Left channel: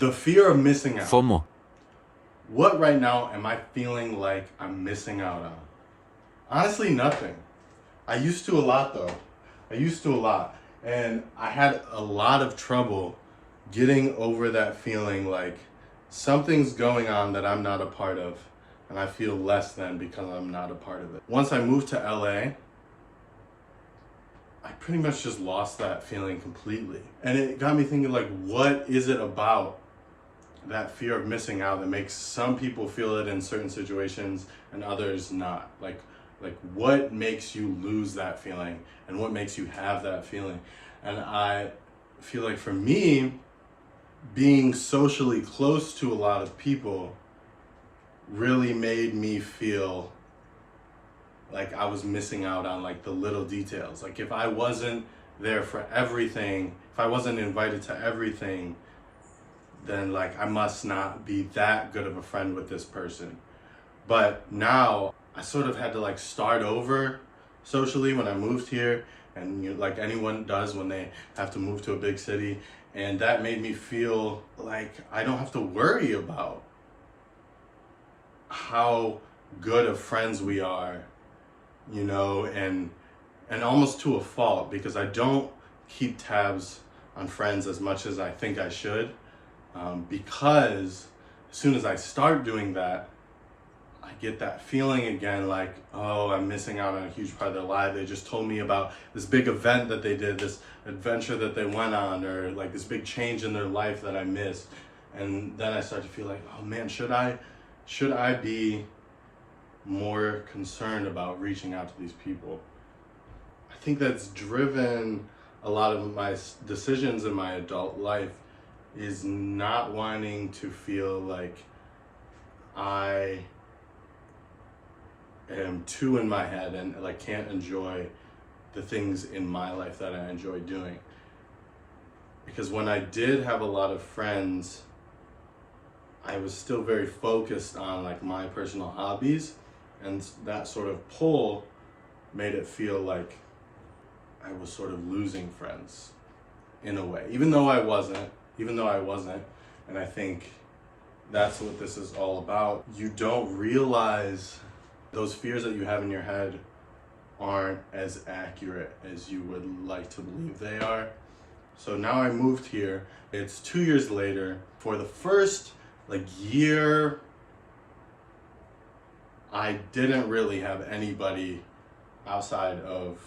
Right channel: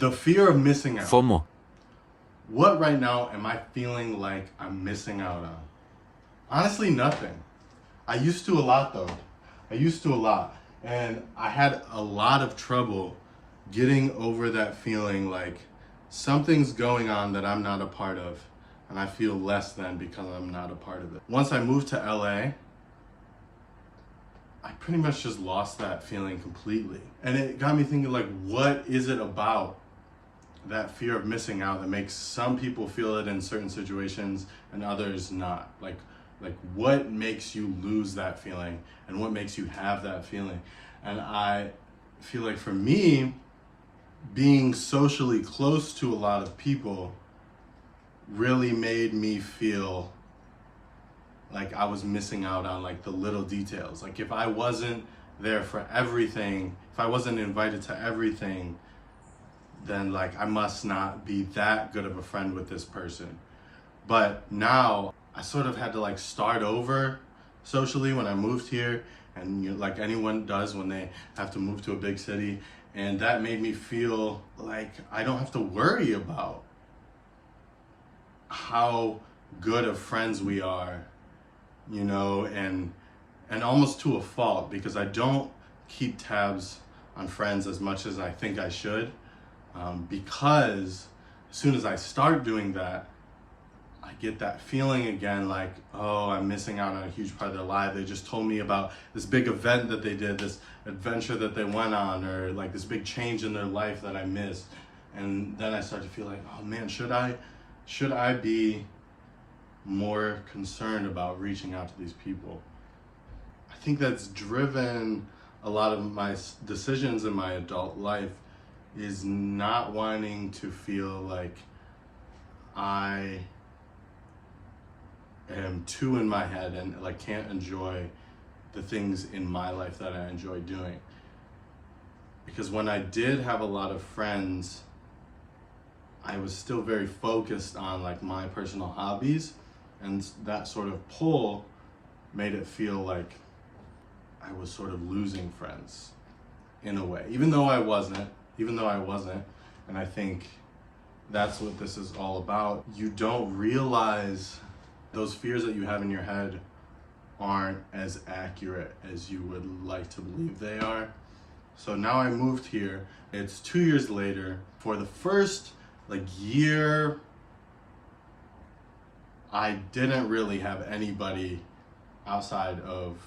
The fear of missing out. FOMO. What right now am I feeling like I'm missing out on? Honestly, nothing. I used to a lot though. I used to a lot. And I had a lot of trouble getting over that feeling like something's going on that I'm not a part of. And I feel less than because I'm not a part of it. Once I moved to LA, I pretty much just lost that feeling completely. And it got me thinking, like, what is it about that fear of missing out that makes some people feel it in certain situations and others not? Like what makes you lose that feeling and what makes you have that feeling? And I feel like for me, being socially close to a lot of people really made me feel like I was missing out on like the little details. Like if I wasn't there for everything, if I wasn't invited to everything, then like I must not be that good of a friend with this person. But now I sort of had to like start over socially when I moved here, and you know, like anyone does when they have to move to a big city. And that made me feel like I don't have to worry about how good of friends we are, you know, and almost to a fault, because I don't keep tabs on friends as much as I think I should, because as soon as I start doing that, I get that feeling again like, oh, I'm missing out on a huge part of their life. They just told me about this big event that they did, this adventure that they went on, or like this big change in their life that I missed. And then I start to feel like, oh man, should I be more concerned about reaching out to these people? I think that's driven a lot of my decisions in my adult life, is not wanting to feel like I am too in my head and like can't enjoy the things in my life that I enjoy doing. Because when I did have a lot of friends, I was still very focused on like my personal hobbies, and that sort of pull made it feel like I was sort of losing friends in a way, even though I wasn't. And I think that's what this is all about. You don't realize those fears that you have in your head aren't as accurate as you would like to believe they are. So now I moved here. It's 2 years later. For the first like year, I didn't really have anybody outside of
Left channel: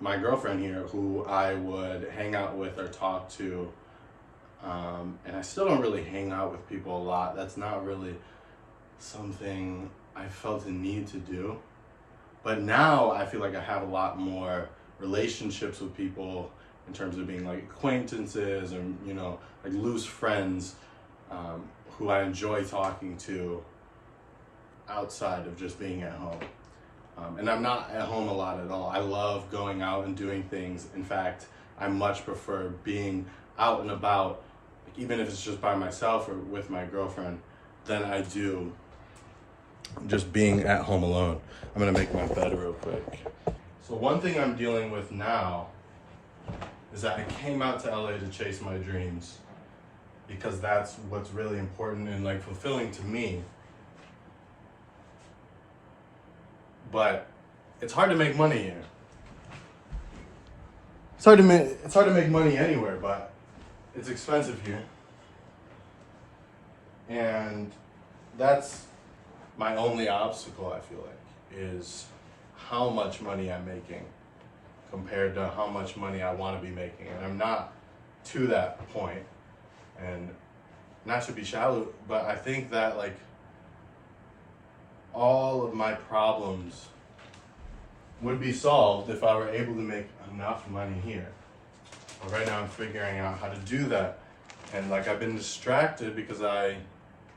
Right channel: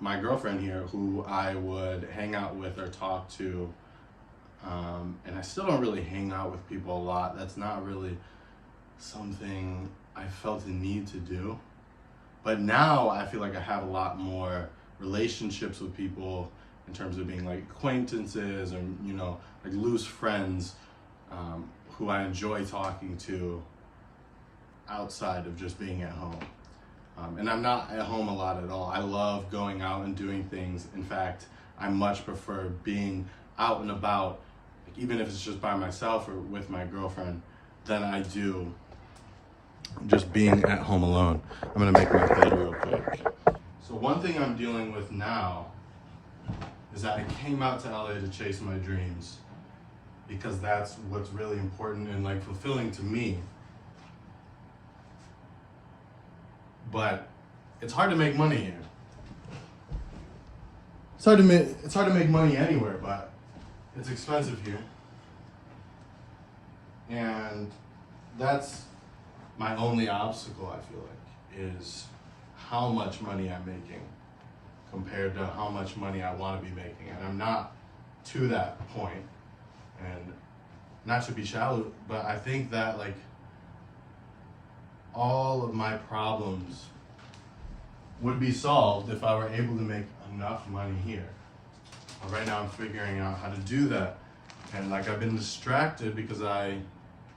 my girlfriend here who I would hang out with or talk to. And I still don't really hang out with people a lot. That's not really something I felt a need to do. But now I feel like I have a lot more relationships with people in terms of being like acquaintances or, you know, like loose friends, who I enjoy talking to outside of just being at home. And I'm not at home a lot at all. I love going out and doing things. In fact, I much prefer being out and about, like even if it's just by myself or with my girlfriend, than I do just being at home alone. I'm gonna make my bed real quick. So one thing I'm dealing with now is that I came out to LA to chase my dreams, because that's what's really important and like fulfilling to me. But it's hard to make money here. It's hard to make money anywhere, but it's expensive here. And that's my only obstacle, I feel like, is how much money I'm making compared to how much money I want to be making. And I'm not to that point. And not to be shallow, but I think that like all of my problems would be solved if I were able to make enough money here. But right now I'm figuring out how to do that. And like I've been distracted because I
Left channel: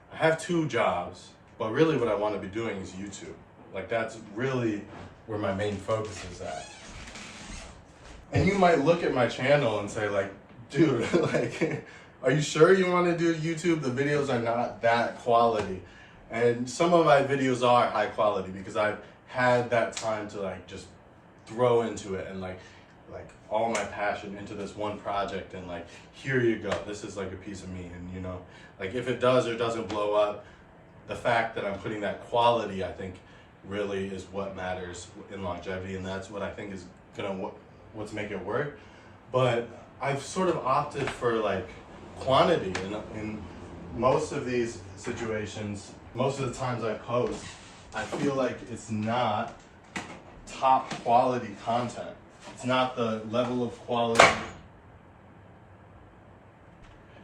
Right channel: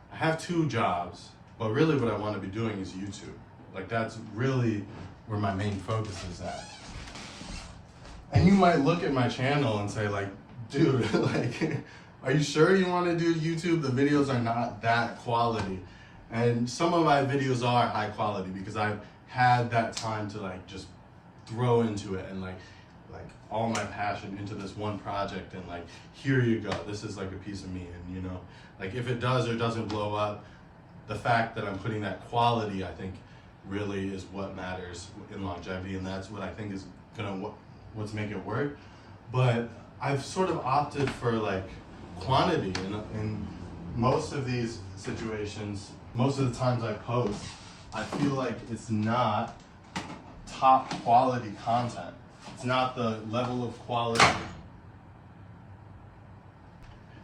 have 2 jobs, but really what I want to be doing is YouTube. Like that's really where my main focus is at. And you might look at my channel and say like, dude, like, are you sure you want to do YouTube? The videos are not that quality. And some of my videos are high quality because I've had that time to like just throw into it and like like all my passion into this one project and like, here you go, this is like a piece of me. And you know, like if it does or doesn't blow up, the fact that I'm putting that quality, I think really is what matters in longevity, and that's what I think is gonna what's make it work. But I've sort of opted for like quantity in most of these situations. Most of the times I post, I feel like it's not top quality content. It's not the level of quality.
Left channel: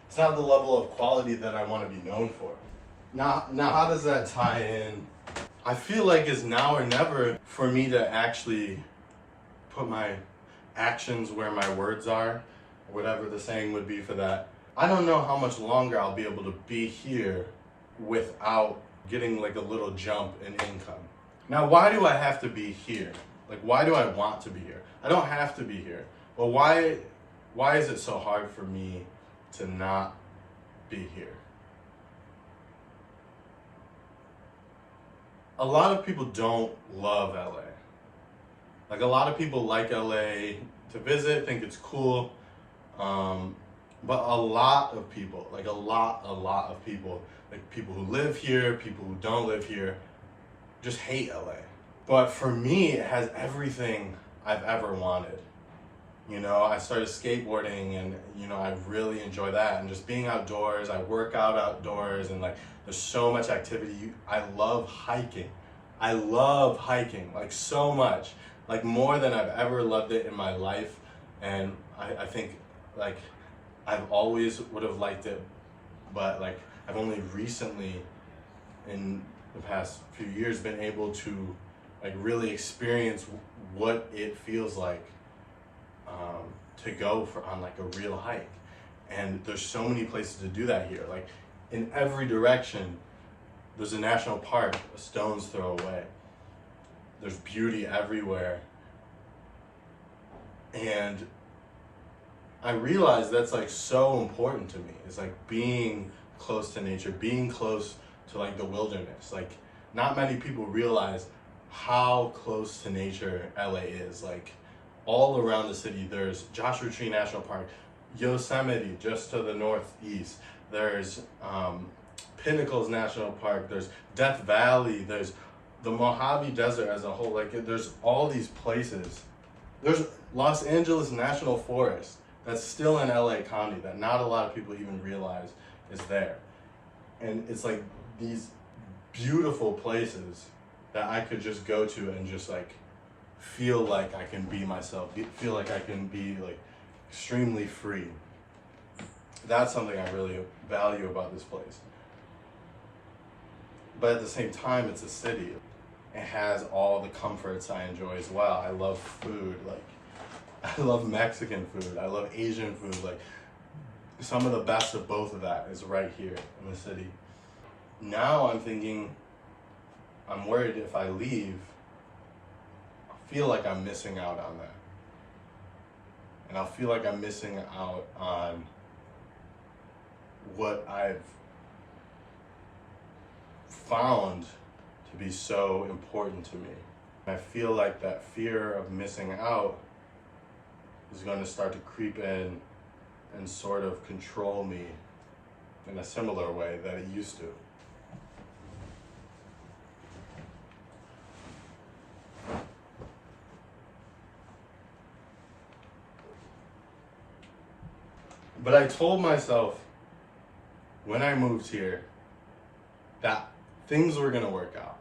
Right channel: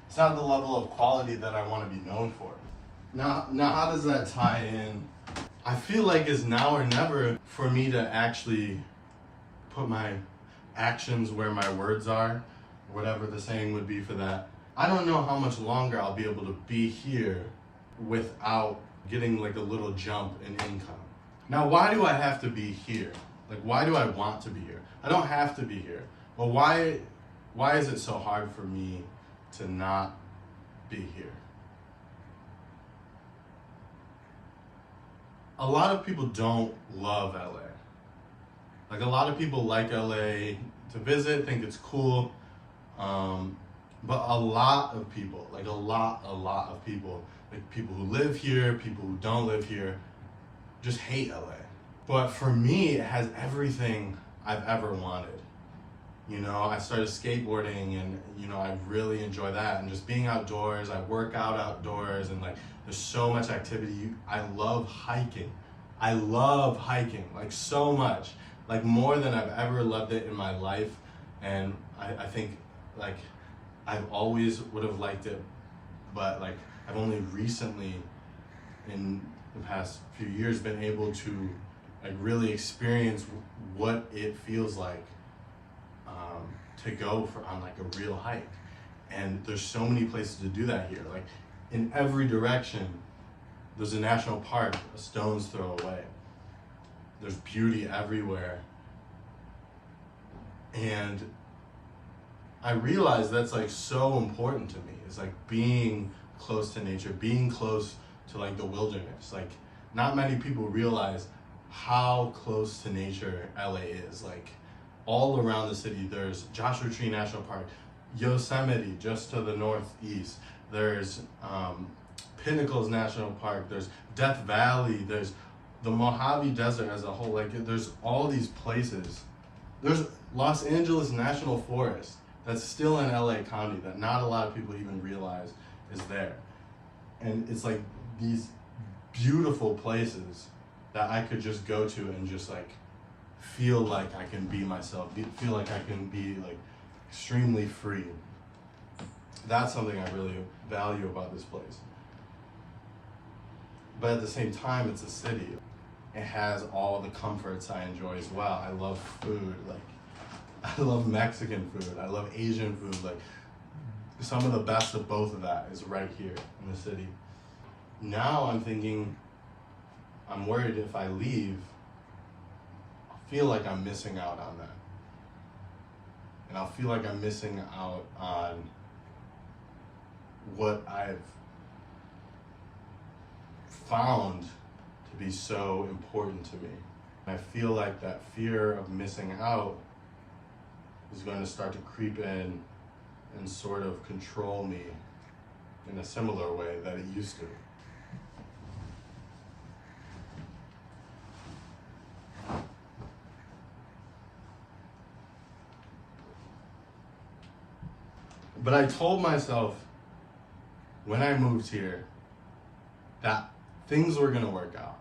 It's not the level of quality that I want to be known for. Now how does that tie in? I feel like it's now or never for me to actually put my actions where my words are, or whatever the saying would be for that. I don't know how much longer I'll be able to be here without getting like a little jump in income. Now, why do I have to be here? Like, why do I want to be here? I don't have to be here. But why is it so hard for me to not be here? A lot of people don't love LA. Like, a lot of people like LA to visit, think it's cool. But a lot of people, like a lot of people, like people who live here, people who don't live here, just hate LA. But for me, it has everything I've ever wanted. You know, I started skateboarding and, you know, I really enjoy that. And just being outdoors, I work out outdoors and like, there's so much activity. I love hiking. I love hiking, like so much, like more than I've ever loved it in my life. And I think like, I've always would have liked it, but like I've only recently in the past few years been able to like really experience what it feels like to go on like a real hike. And there's so many places to do that here. Like in every direction, there's a national park a stone's throw away. There's beauty everywhere. And I realize that's like so important to me. It's like being close to nature, being close to like the wilderness. Like not many people realize how close to nature LA is. Like all around the city, there's Joshua Tree National Park, Yosemite just to the northeast. There's Pinnacles National Park. There's Death Valley. There's the Mojave Desert as a whole. Like there's all these places. There's Los Angeles National Forest that's still in LA County that not a lot of people even realize is there. And it's like these beautiful places that I could just go to and just like feel like I can be myself, feel like I can be like extremely free. That's something I really value about this place. But at the same time, it's a city. It has all the comforts I enjoy as well. I love food, like I love Mexican food, I love Asian food, like some of the best of both of that is right here in the city. Now I'm thinking, I'm worried if I leave, I'll feel like I'm missing out on that. And I'll feel like I'm missing out on what I've found to be so important to me. I feel like that fear of missing out is going to start to creep in and sort of control me in a similar way that it used to. But I told myself when I moved here that things were gonna work out.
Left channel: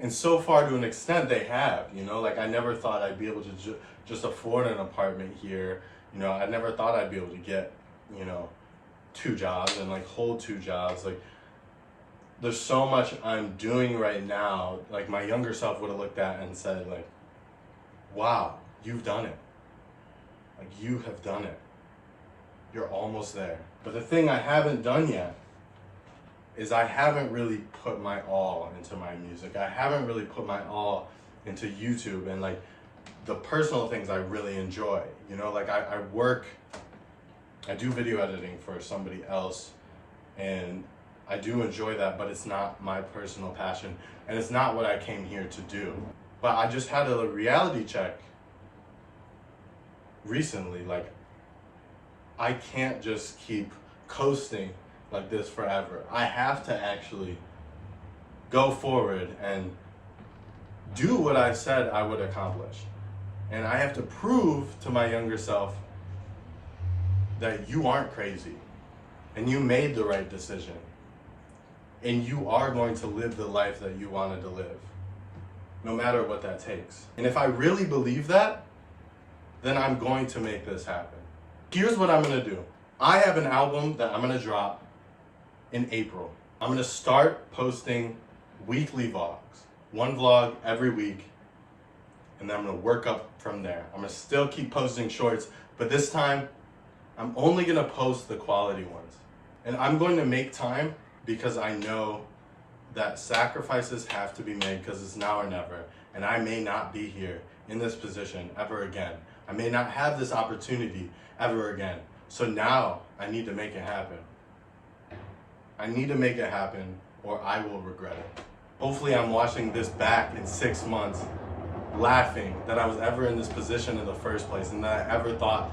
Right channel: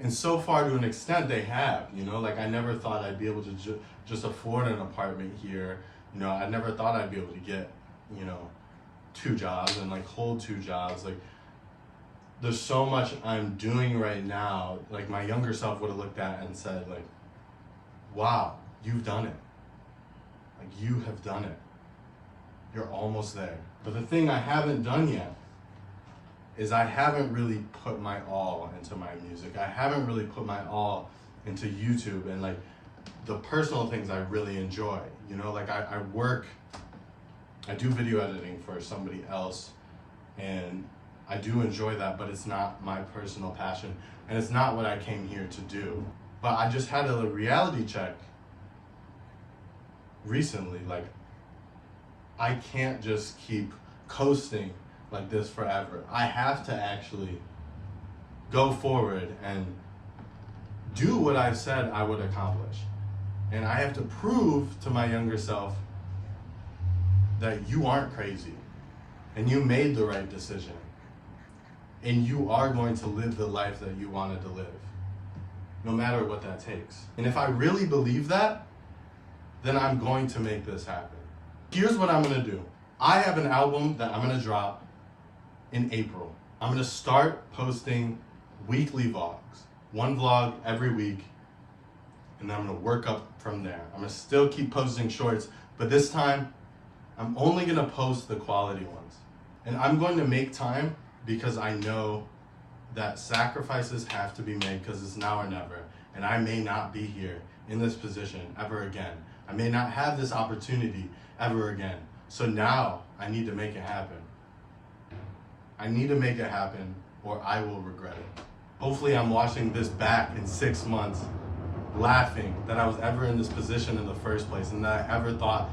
And so far, to an extent, they have, you know, like I never thought I'd be able to just afford an apartment here. You know, I never thought I'd be able to get, you know, 2 jobs and like hold 2 jobs. Like there's so much I'm doing right now. Like my younger self would have looked at and said like, wow, you've done it. Like you have done it. You're almost there. But the thing I haven't done yet is I haven't really put my all into my music. I haven't really put my all into YouTube and like the personal things I really enjoy. You know, like I do video editing for somebody else and I do enjoy that, but it's not my personal passion and it's not what I came here to do. But I just had a reality check recently. Like, I can't just keep coasting like this forever. I have to actually go forward and do what I said I would accomplish. And I have to prove to my younger self that you aren't crazy and you made the right decision and you are going to live the life that you wanted to live, no matter what that takes. And if I really believe that, then I'm going to make this happen. Here's what I'm gonna do. I have an album that I'm gonna drop in April. I'm gonna start posting weekly vlogs, one vlog every week, and then I'm gonna work up from there. I'm gonna still keep posting shorts, but this time, I'm only gonna post the quality ones. And I'm going to make time because I know that sacrifices have to be made because it's now or never. And I may not be here in this position ever again. I may not have this opportunity ever again. So now I need to make it happen. I need to make it happen or I will regret it. Hopefully I'm watching this back in 6 months laughing that I was ever in this position in the first place and that I ever thought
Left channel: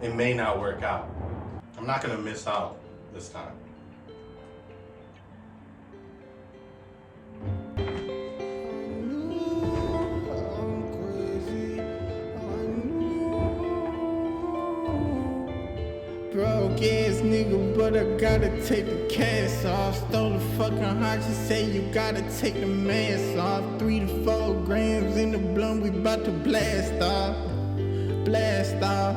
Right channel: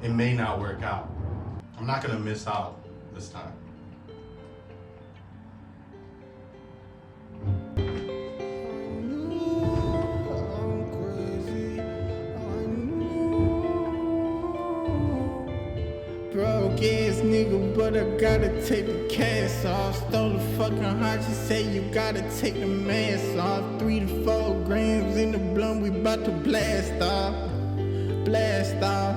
it may not work out. I'm not gonna miss out this time. Broke ass nigga, but I gotta take the cast off. Stole the fucking heart, she say you gotta take the mask off. 3 to 4 grams in the blunt, we bout to blast off. Blast off,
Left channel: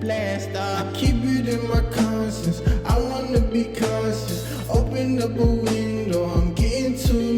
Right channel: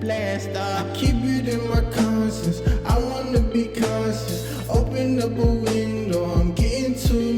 blast off. I keep it in my conscience, I wanna be conscious. Open up a window, I'm getting too